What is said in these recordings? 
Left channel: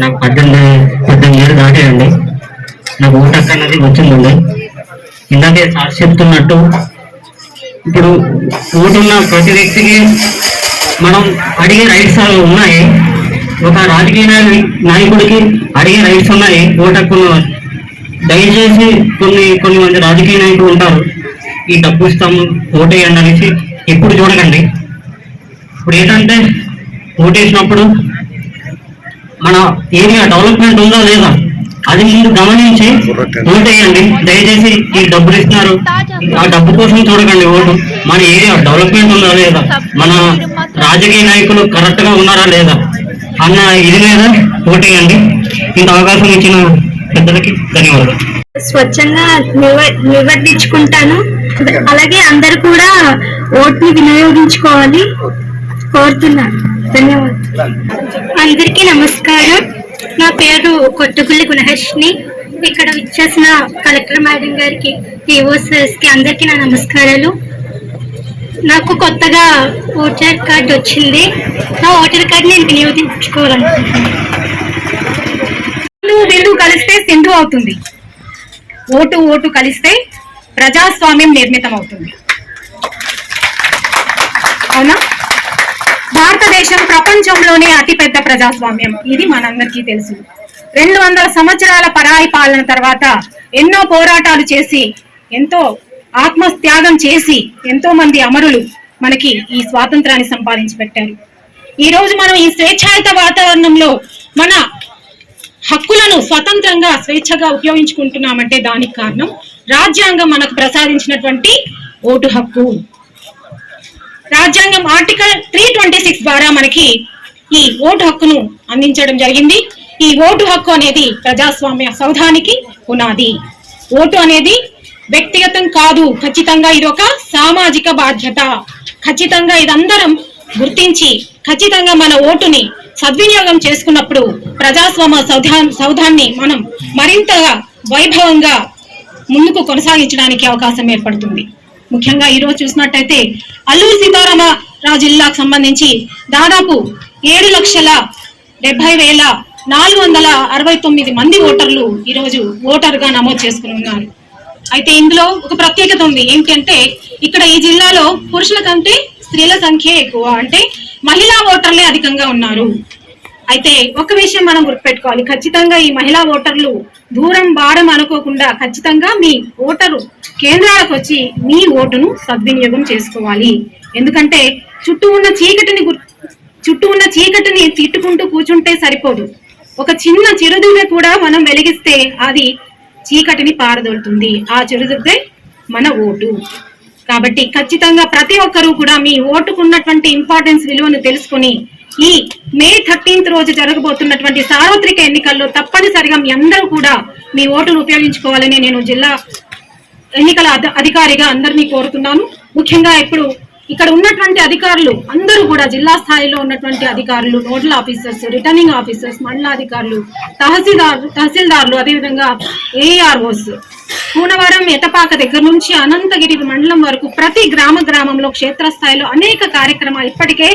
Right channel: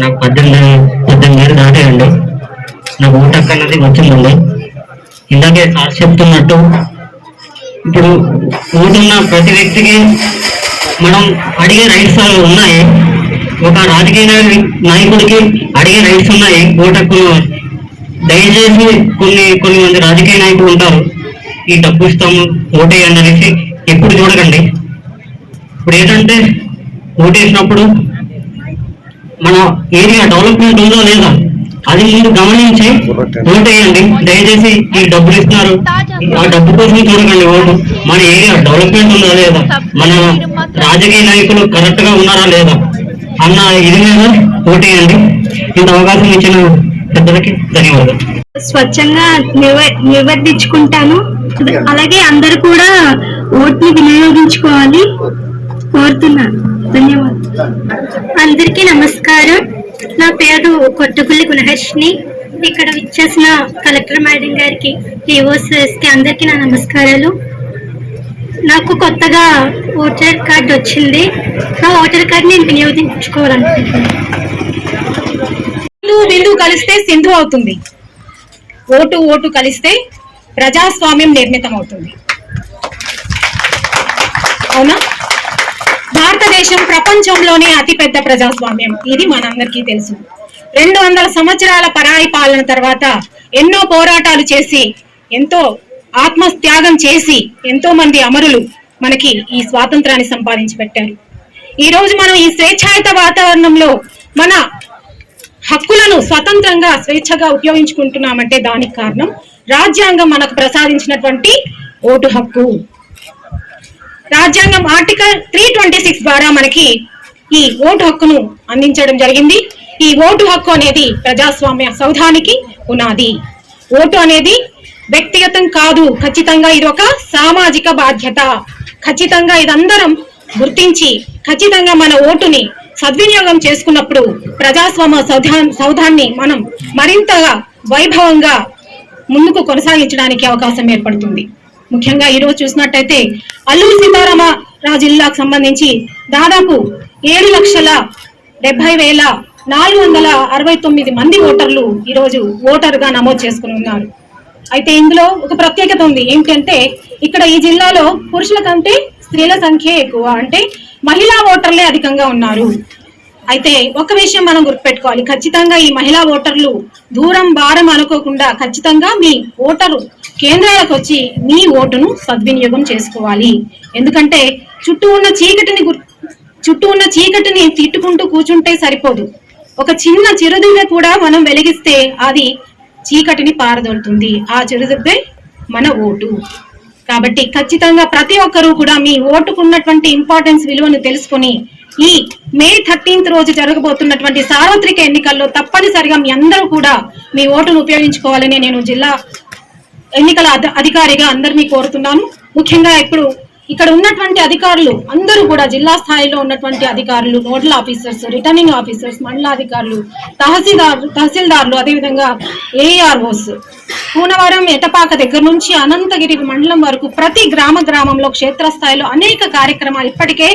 నాకు పద్దెనిమిది పద్దెనిమిది ఏళ్ళు దాటాయండి. నాకు ఓటు హక్కు అన్నది వచ్చిందండి. ఇందాకే సార్ చెప్తున్నట్టు ఇప్పుడు ఓటున్న ప్రతి వ్యక్తికి మనం అడిగే రైట్స్ ఉన్నాయి. ఒక రాజకీయ నాయకుడికి అడిగే రైట్స్ ఉన్నాయి. ఓటు హక్కు దయచేసి కొన్ని కొన్ని మంది రాజకీయ నాయకులు ఉంటారు. ఈ డబ్బు ఇస్తాము ఓటేయండి అనేసి ఎప్పుడు చూడకండి. ఇప్పుడు ఏంటంటే ఓటేసినప్పుడు మన ఏరియా డెవలప్మెంట్ ఉందా లేదా అది ముందు గమనించి ఓటేయండి దయచేసి ఈ డబ్బులు ఇస్తున్నారు. ఆ డబ్బు కోసం చూడకండి ఓటు. మన ఏరియా డెవలప్మెంట్ ఉందా లేదా? మన రాజకీయ నాయకులు కరెక్ట్గా ఉన్నారా లేదా? అన్న ఇది మీద ఓటేయండి ఇంత అవకాశం ఇచ్చిన పెద్దలకి ధన్యవాదాలు. స్వచ్ఛంగా నివ- నివర్తించుకుంటాను. అలాగే అందరు కూడా ఓట్ని వినియోగించుకోవాలి. కోరుతున్నాను. ధన్యవాదాలు. అందరికీ నమస్కారం. నా పేరు కొత్తగుల్లి గుణహర్షిని ఇక్కడ ఇచ్చేసిన కలెక్టర్ మేడం గారికి ఈఓసెస్కి అందరికీ నా నమస్కారాలు. నాకు కొత్తగా ఓటర్ కార్డు వచ్చింది. నా ఓటర్ కార్డు నేను వినియోగించుకోవాలనుకుంటున్నాను. బిందు కలిస్తే సింధు అవుతుంది. ఓటు ఓటు కలిస్తే ప్రజాస్వామ్యం నిర్మితం అవుతుంది అవునా? భారతదేశం ప్రపంచంలోనే అతిపెద్ద ప్రజాస్వామ్యం. ఇది మనందరికీ తెలుసు. రెండు వందల సంవత్సరాల పరాయి పాలన తర్వాత ఎన్నో పోరాటాలు చేసి ఎంతో ఆత్మత్యాగం చేసి ఎంతో మంది అమరులు మనకి ఈ స్వాతంత్రాన్ని సంపాదించి పెట్టారు. ఈ రోజు మనం ఈ స్వేచ్ఛాయుత వాతావరణంలో మన హక్కులను స్వతంత్రంగా స్వేచ్ఛగా ఉపయోగించుకుంటున్నామంటే దానికి కారణం రాజ్యాంగం మనకు ప్రసాదించినటువంటి ఓటు హక్కు. రాజ్యాంగం ఆర్టికల్ త్రీ ట్వంటీ సిక్స్ ద్వారా మనకి ఈ ఓటు హక్కును అందించడం జరిగింది. ఈ ఓటు హక్కు అనేది ప్రజాస్వామ్య సౌధానికి పునాది. ఓటు అనేది వ్యక్తిగతం కాదు ఖచ్చితంగా ఇది ఒక సామాజిక బాధ్యత. ఖచ్చితంగా ఇదందరం గుర్తించి ఖచ్చితంగా మన ఓటుని సద్వినియోగం చేసుకున్నప్పుడు ప్రజాస్వామ్య సౌధా సౌధాన్ని మనం మరింతగా వైభవంగా ముందుకు కొనసాగించడానికి అవకాశం ఏర్పడుతుంది. ముఖ్యంగా ఈ రోజు చూసినట్టయితే అల్లూరి సీతారామరాజు జిల్లాకు సంబంధించి దాదాపు ఏడు లక్షల డెబ్బై వేల నాలుగు వందల అరవై తొమ్మిది మంది ఓటర్లు ఈరోజు ఓటర్గా నమోదు చేసుకుని ఉన్నారు. అయితే ఇందులో ఒక ప్రత్యేకత ఉంది. ఏంటంటే ఇక్కడ ఈ జిల్లాలో పురుషుల కంటే స్త్రీల సంఖ్య ఎక్కువ. అంటే మహిళా ఓటర్లే అధికంగా ఉన్నారు. అయితే ఒక విషయం మనం గుర్తుపెట్టుకోవాలి. ఖచ్చితంగా ఈ మహిళా ఓటర్లు దూరం భారం అనుకోకుండా ఖచ్చితంగా మీ ఓటరు కేంద్రాలకు వచ్చి మీ ఓటును సద్వినియోగం చేసుకోవాలి. ఎందుకంటే చుట్టూ ఉన్న చీకటిని చుట్టూ ఉన్న చీకటిని తిట్టుకుంటూ కూర్చుంటే సరిపోదు. ఒక చిన్న చిరుదివ్వె కూడా మనం వెలిగిస్తే అది చీకటిని పారదోలుతుంది. ఆ చిరుదివ్వె మన ఓటు. కాబట్టి ఖచ్చితంగా ప్రతి ఒక్కరూ కూడా మీ ఓటుకున్నటువంటి ఇంపార్టెన్స్ విలువను తెలుసుకొని ఈ మే థర్టీన్త్ రోజు జరగబోతున్నటువంటి సార్వత్రిక ఎన్నికల్లో తప్పనిసరిగా మీ అందరూ కూడా మీ ఓటును ఉపయోగించుకోవాలని నేను జిల్లా ఎన్నికల అధికారిగా అందరినీ కోరుతున్నాను ముఖ్యంగా ఇప్పుడు ఇక్కడ ఉన్నటువంటి అధికారులు అందరూ కూడా జిల్లా స్థాయిలో ఉన్నటువంటి అధికారులు నోడల్ ఆఫీసర్స్ రిటర్నింగ్ ఆఫీసర్స్ మండలాధికారులు తహసీల్దార్ తహసీల్దార్లు అదేవిధంగా ఏఆర్ఓస్ కూనవరం ఎటపాక దగ్గర నుంచి అనంతగిరి మండలం వరకు ప్రతి గ్రామ గ్రామంలో క్షేత్రస్థాయిలో అనేక కార్యక్రమాలు ఇప్పటికే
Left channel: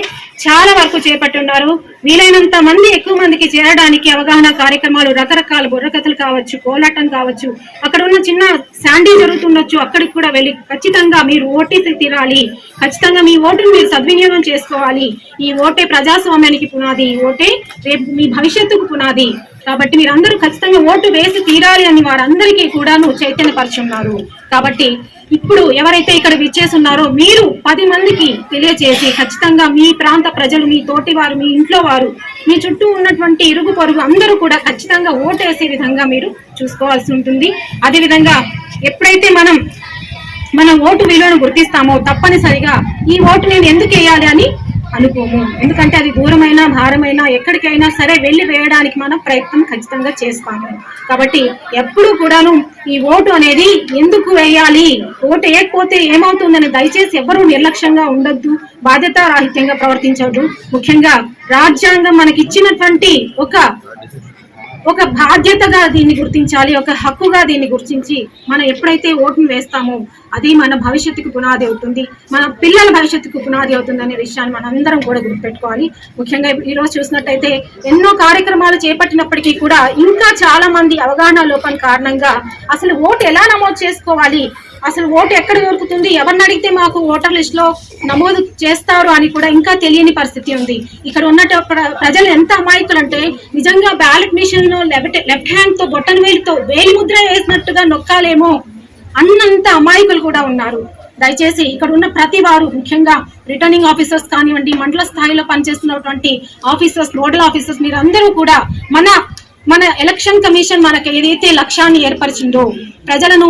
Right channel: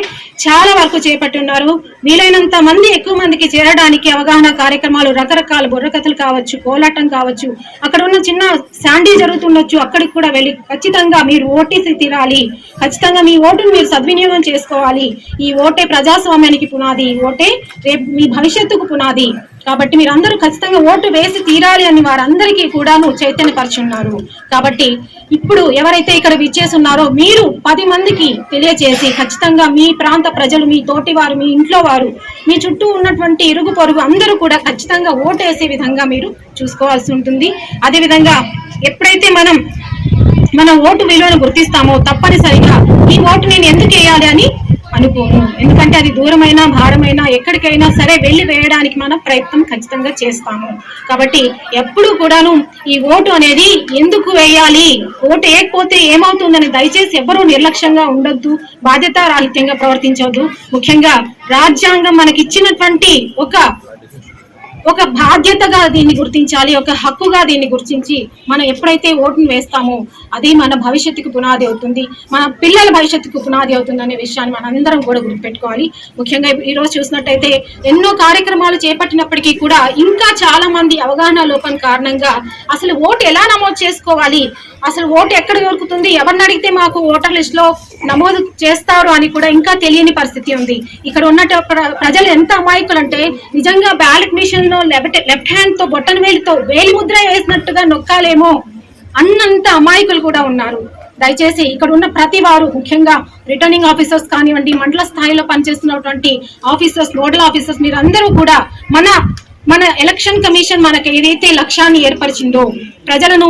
చాలా వరకు చేపట్టి ఉన్నారు. వీలైనంత మంది ఎక్కువ మందికి చేరడానికి అవగాహన కార్యక్రమాలు రకరకాల బుర్రకథలు కావచ్చు కోలాటం కావచ్చు అక్కడ ఉన్న చిన్న శాండీ జరుగుతుండొచ్చు అక్కడికి కూడా వెళ్ళి ఖచ్చితంగా మీరు ఓటీసీ తీరాలి. ఖచ్చితంగా మీ ఓటును మీరు సద్వినియోగం చేసుకోవాలి. ఈ ఓటే ప్రజాస్వామ్యానికి పునాది ఈ ఓటే రేపు మీ భవిష్యత్తుకు పునాది. కాబట్టి మీరు అందరూ ఖచ్చితంగా ఓటు వేసి తీరాలి అని వారందరికీ కూడాను చైతన్యపరుచున్నారు. కాబట్టి ఇప్పుడు ఎవరైతే ఇక్కడ విచ్చేసి ఉన్నారో మీరు పది మందికి తెలియచేసి ఖచ్చితంగా మీ ప్రాంత ప్రజలు మీ తోటి వారు మీ ఇంట్లో వారు మీ చుట్టూ ఉన్నటువంటి ఇరుగు పొరుగు అందరూ కూడా ఖచ్చితంగా ఓటు వేసే విధంగా మీరు చూసుకోవాల్సి ఉంటుంది. అదేవిధంగా ఎప్పుడైతే మనం మన ఓటు విలువను గుర్తిస్తామో తప్పనిసరిగా ఈ ఓటు నేను ఎందుకు వేయాలి అని అనుకోము. ఎందుకంటే అది దూరమైన భారమైన ఎక్కడికైనా సరే వెళ్ళి వేయడానికి మనం ప్రయత్నం ఖచ్చితంగా చేస్తాము. కాబట్టి ఎప్పుడు కూడాను ఈ ఓటు అనేది ఎందుకు వేయాలి? ఓటు వేయకపోతే ఏమవుతుందని దయచేసి ఎవరూ నిర్లక్ష్యంగా ఉండొద్దు బాధ్యతారాహిత్యంగా ప్రవర్తించవద్దు ముఖ్యంగా రాజ్యాంగం మనకి ఇచ్చినటువంటి ఒక ఒక బాధ్యతగా దీన్ని గుర్తించాలి ఒక హక్కుగా దీన్ని గుర్తించి మనం ఎప్పుడైతే ఓటును వేస్తామో అది మన భవిష్యత్తుకు పునాది అవుతుంది. మన పిల్లల భవిష్యత్తుకు పునాది అవుతుంది అనే విషయాన్ని మనం అందరం కూడా గుర్తుపెట్టుకోవాలి. ముఖ్యంగా ఈరోజు చూసినట్టయితే ఎన్నో కార్యక్రమాలు చేపట్టినప్పటికీ కూడా ఇంకా చాలా మంది అవగాహన లోపం కారణంగా అసలు ఓటు ఎలా నమోదు చేసుకోవాలి? అసలు ఓటు ఎక్కడ దొరుకుతుంది? ఎవరిని అడిగితే మాకు ఓటర్ లిస్ట్లో నమోదు చేస్తారు అని కూడా ఇంకా తెలియని పరిస్థితి ఉంది. ఇక్కడ ఉన్న ప్రజలు ఎంత అమాయకులు అంటే నిజంగా బ్యాలెట్ మిషన్లో లెఫ్ట్ లెఫ్ట్ హ్యాండ్తో బొట్టన వేలితో వేలి ముద్ర వేసినట్టుగా నొక్కాలేమో. అన్నంత అమాయకులు కూడా ఉన్నారు. దయచేసి ఇక్కడ ఉన్న ప్రతి వారు ముఖ్యంగా రిటర్నింగ్ ఆఫీసర్స్ కానివ్వండి మండల స్థాయిలో పనిచేస్తున్నటువంటి ఆఫీసర్స్ నోడల్ ఆఫీసర్స్ మీరు అందరూ కూడా మన మన ఎలక్షన్ కమిషన్ మనకు ఏదైతే లక్ష్యాన్ని ఏర్పరిచిందో ప్రజలను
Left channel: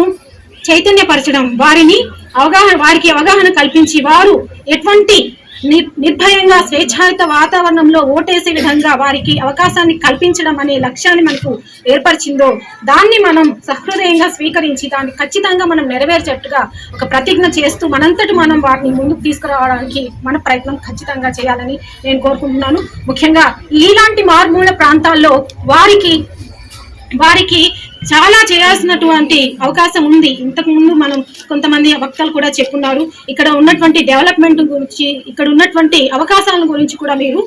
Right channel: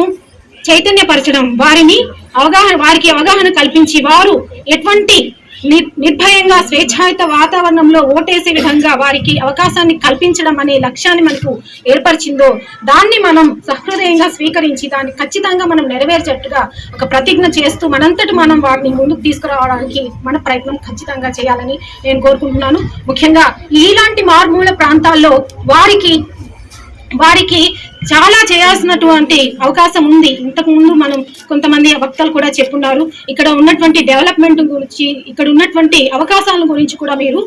చైతన్యపరచడం వారిని అవగాహన వారికి అవగాహన కల్పించి వారు ఎటువంటి నిర్భయంగా స్వేచ్ఛాయుత వాతావరణంలో ఓటేసే విధంగా వారికి అవకాశాన్ని కల్పించడం అనే లక్ష్యాన్ని మనకు ఏర్పరిచిందో దాన్ని మనం సహృదయంగా స్వీకరించి దాన్ని ఖచ్చితంగా మనం నెరవేర్చేట్టుగా ఒక ప్రతిజ్ఞ చేస్తూ మనంతటి మనం వాటిని ముందుకు తీసుకురావడానికి మన ప్రయత్నం ఖచ్చితంగా చేయాలని నేను కోరుకుంటున్నాను. ముఖ్యంగా ఇలాంటి మారుమూల ప్రాంతాల్లో వారికి వారికి చాలా చేయాల్సినటువంటి అవకాశం ఉంది. ఇంతకు ముందు మనం కొంతమంది వక్తలు కూడా చెప్పున్నారు. ఇక్కడ ఉన్నటువంటి డెవలప్మెంట్ గురించి ఇక్కడ ఉన్నటువంటి అవకాశాల గురించి కూడా మీరు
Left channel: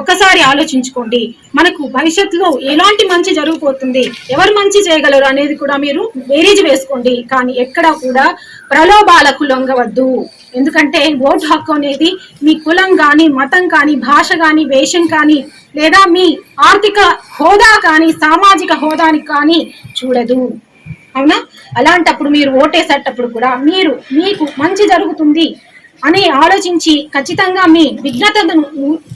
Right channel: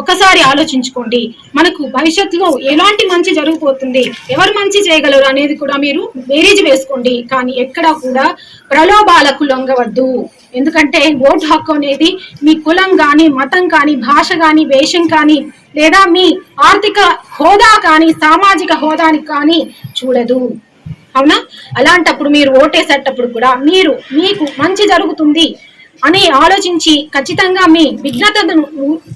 ఒకసారి ఆలోచించుకోండి. మనకు భవిష్యత్తులో ఎలాంటి మంచి జరుగుపోతుంది ఎవరు మంచి చేయగలరు అనేది కూడా మీరు బేరీజ్ వేసుకోండి. కానీ ఎక్కడా కూడా ప్రలోభాలకు లొంగవద్దు. ఎందుకంటే ఓటు హక్కు అనేది మీ కులం కానీ మతం కానీ భాష కానీ వేషం కానీ లేదా మీ ఆర్థిక హోదా కానీ సామాజిక హోదానికి కానీ చూడదు. అవునా? అలాంటప్పుడు మీరు ఓటేసేటప్పుడు కూడా మీరు మీకు మంచి జరుగుతుంది అని ఆలోచించి ఖచ్చితంగా మీ విఘ్నతను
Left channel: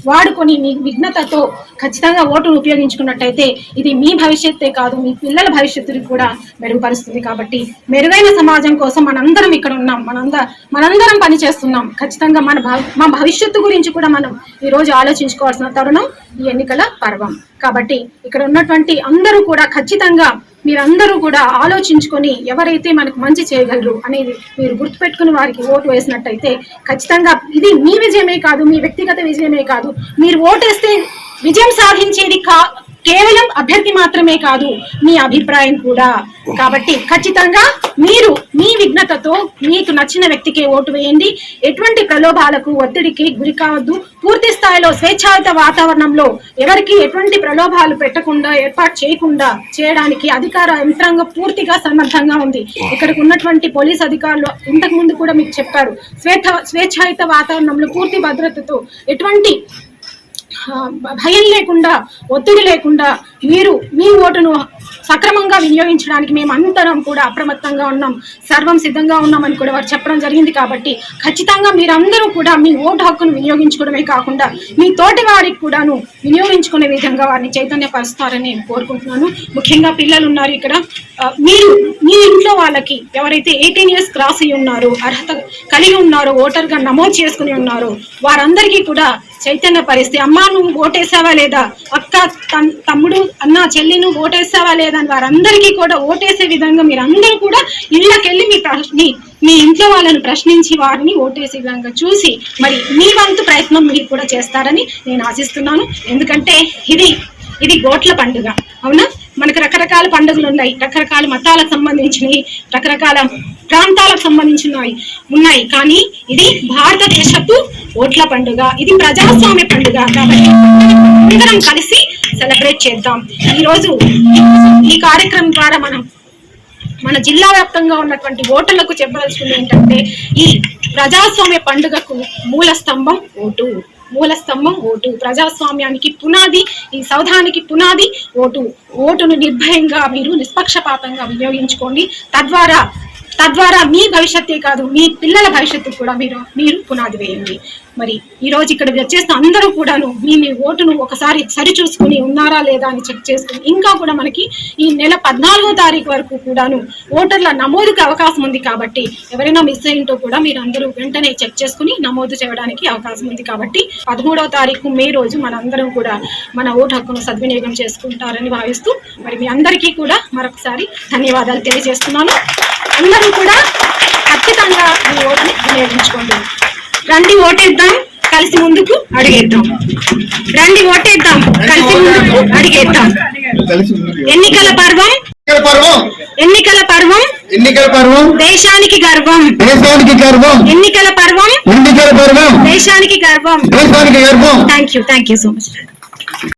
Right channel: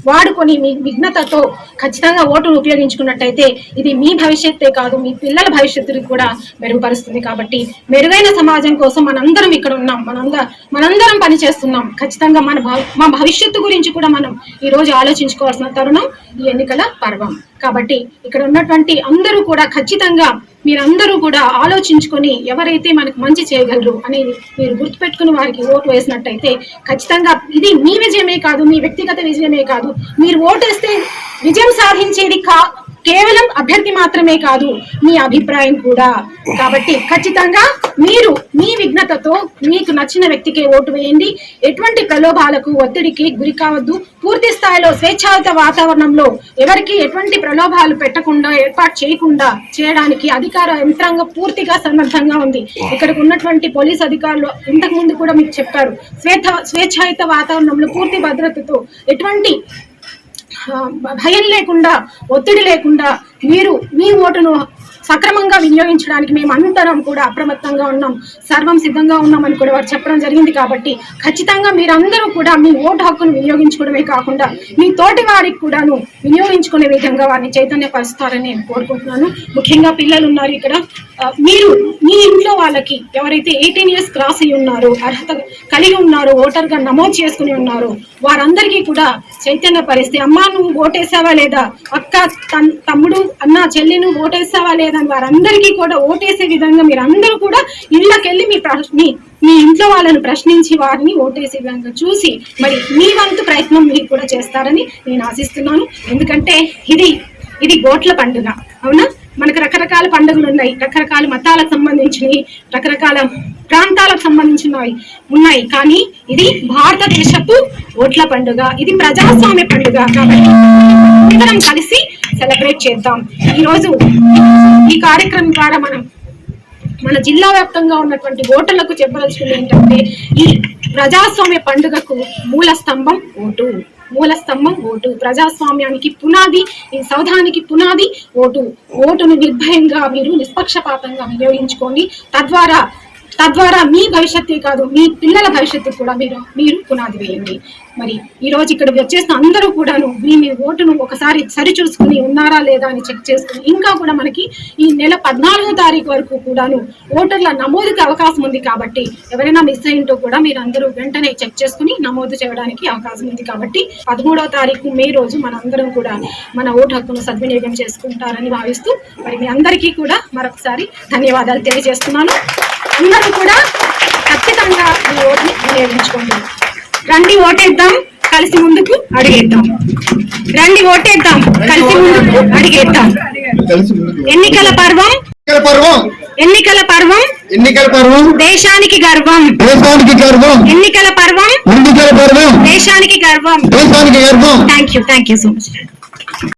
వాడుకొని మీ విఘ్నతతో ఖచ్చితంగా ఓటును ఉపయోగించుకున్నట్టయితే ఇది మీ భవిష్యత్తే కాదు మీ పిల్లల భవిష్యత్తుని కూడా మెరుగుపరుస్తుంది. కాబట్టి మెరుగైన సమాజం కోసం మనందరం ఇక్కడ ఉన్నాం. మనంద మనందరం పనిచేస్తున్నాం ఖచ్చితంగా మన భ- మా భవిష్యత్తు గురించి కూడా మనం ఈ రోజు ఆలోచించుకోవాల్సిన తరుణం ఈ ఎన్నికల పర్వం. కాబట్టి ఇక్కడ ఉన్నటువంటి అందరూ కూడా ఖచ్చితంగా మీరందరూ కూడా ఆలోచించుకొని ఎవరైతే మనకు మంచి చేయగలరు అనేది మీరు గుర్తుపెట్టుకుని వారికి ఓటు వేసినట్టయితే ఖచ్చితంగా ఇది మీ విజయమే కాదు మీ వ్యక్తిగత విజయమే కాదు. మీరు ఓటేస్తే విజయం సాధించేది కా కేవలం అభ్యర్థి మాత్రమే కాదు మీ అభిప్రాయం కూడా. కాబట్టి ఖచ్చితంగా మీరు మీ విఘ్నతతో మీకు నచ్చిన వ్యక్తికే ఓటు వేయండి. ఎటువంటి ప్రలోభాలకు ఒత్తిడికి గురి కావద్దు. పూర్తి స్థాయిలో స్వేచ్ఛాయుత వాతావరణంలో ఎవరికి ఎటువంటి ప్రలోభాలు పెట్టకుండా ఏర్పాటు చేయకుండా చేయడానికి అధికార యంత్రాంగం పూర్తిగా సమర్థంగా ఉంది. ఇక్కడికి ఉన్నటువంటి పోలీస్ అధికారులు ఇంతకు ముందు కూడా మీకు చెప్పారు. స్వేచ్ఛ స్వేచ్ఛాయుత వాతావరణంలో పూర్తి భద్రతతో ఎటువంటి భయం లేకుండా ఒత్తిడి లేకుండా మీరు మీ ఓటును సక్రమంగా వినియోగించడానికి మేము అందరం కూడా అప్రమత్తంగా ఉన్నాం సర్వం సిద్ధంగా ఉన్నామని కూడా వారు చెప్పడం జరిగింది కాబట్టి ఖచ్చితంగా మీరందరూ కూడా మీ ఓటు హక్కును వినియోగించుకోవడమే కాకుండా మీ తోటి వారికి కూడాను వినియోగించుకునే విధంగా వారిని చైతన్యపరుస్తారని నేను కోరుకుంటున్నాను. ముఖ్యంగా పిల్లలు ఉన్నారు ఇక్కడ. మీరు మీ ఇంట్లో వాళ్ళకి ఎవరైతే ఎయిటీన్ ఇయర్స్ క్రాస్ అయి ఉన్నారో అర్హత కలిగి ఉన్నారో ఓటర్గా నమోదు చేసుకుని ఉన్నారో వారందరికీ కూడా చైతన్య పరిస్థితి. అమ్మా నువ్వు ఓటేసావా లేదా? అక్క తన్- తమ్ముడు అన్న చెల్లి నువ్వు ఓటేసావా లేదా అని వారందరికీ కూడా ఓటేసే విధంగా మీరు అందరూ కూడా ఇళ్ళకెళ్ళి మీ ప్రశ్ని మీ ఇంట్లో వాళ్ళని ప్రశ్నించి వారిని ఓటేసే విధంగా చూసి మరి మీ వంతు ప్రయత్నం మీరు కూడా చేస్తారని నేను ఆశిస్తున్నాను. ఎందుకంటే ఇది ఇది గోట్ల పండుగ. అవునా? మనకు రకరకాల పండుగలు ఉన్నాయి. రకరకాల మతాలకు సంబంధించినవి రకరకాల ప్రాంతాలకు సంబంధించినవి ఉన్నాయి. కానీ ఇది భారతదేశపు ఓట్ల పండుగ. ఇది ప్రజాస్వామ్య పండుగ కాబట్టి అందరం కలిసి సెలబ్రేట్ చేద్దాం. ఈరోజు ఈ కార్యక్రమం ద్వారా మనం మన జిల్లా వ్యాప్తంగా ఉన్నటువంటి ఓటర్లకు చెప్పదలుచుకుంది ఏంటంటే ఈ ప్రజాస్వామ్య పండుగకు మూల స్తంభం ఓటు. మూల స్తంభం ఓటు ప్రజాస్వామ్యానికి పునాది ఈ సౌధానికి పునాది ఓటు ఓటును నిర్భయంగా మీరు నిష్పక్షపాతంగా వినియోగించుకోండి. తద్వారా తద్వారా మీ భవిష్యత్తే కాదు మీ పిల్లల భవిష్యత్తు కూడా మీరు మీరు పునాది వేయండి. మరి ఈ రోజు ఇక్కడ వచ్చేసిన అందరూ కూడాను మీ మీ ఓటును ఒకసారి సరి చూసుకుని ఉన్నారా లేదా అని చెక్ చేసుకుని ఇంకా కూడా మనకి ఈ నెల పద్నాలుగో తారీఖు వరకు కూడాను ఓటర్ల నమోదుకి అవకాశం ఉంది కాబట్టి ఎవరైనా మిస్ అయింటో కూడా మీరు అందరూ వెంటనే చెక్ చేసుకుని నమోదు చేయడానికి అవకాశం ఉంది కాబట్టి పదమూడవ తారీఖు మే రోజు మనందరం కూడా మన ఓటు హక్కును సద్వినియోగం చేసుకుంటారని భావిస్తూ మరి మీ అందరికీ కూడా మరొకసారి ధన్యవాదాలు తెలియజేస్తున్నాను. అందరూ కూడా ఖచ్చితంగా మీ ఓటుని వినియోగించుకోండి రండి ఓటేద్దాం కలిసి ముందుకు అడిగేద్దాం. రండి ఓటేద్దాం కలిసి ముందుకు అడిగేద్దాం. ఎన్నికల పర్వం. ఎన్నికల పర్వం. ఎన్నికల పర్వం. ఎన్నికల పర్వం. దేశానికి గర్వం. దేశానికి గర్వం. ఎన్నికల పర్వం. ఎన్నికల పర్వం. దేశానికి గర్వం. దేశానికి గర్వం. Thank you thank you so much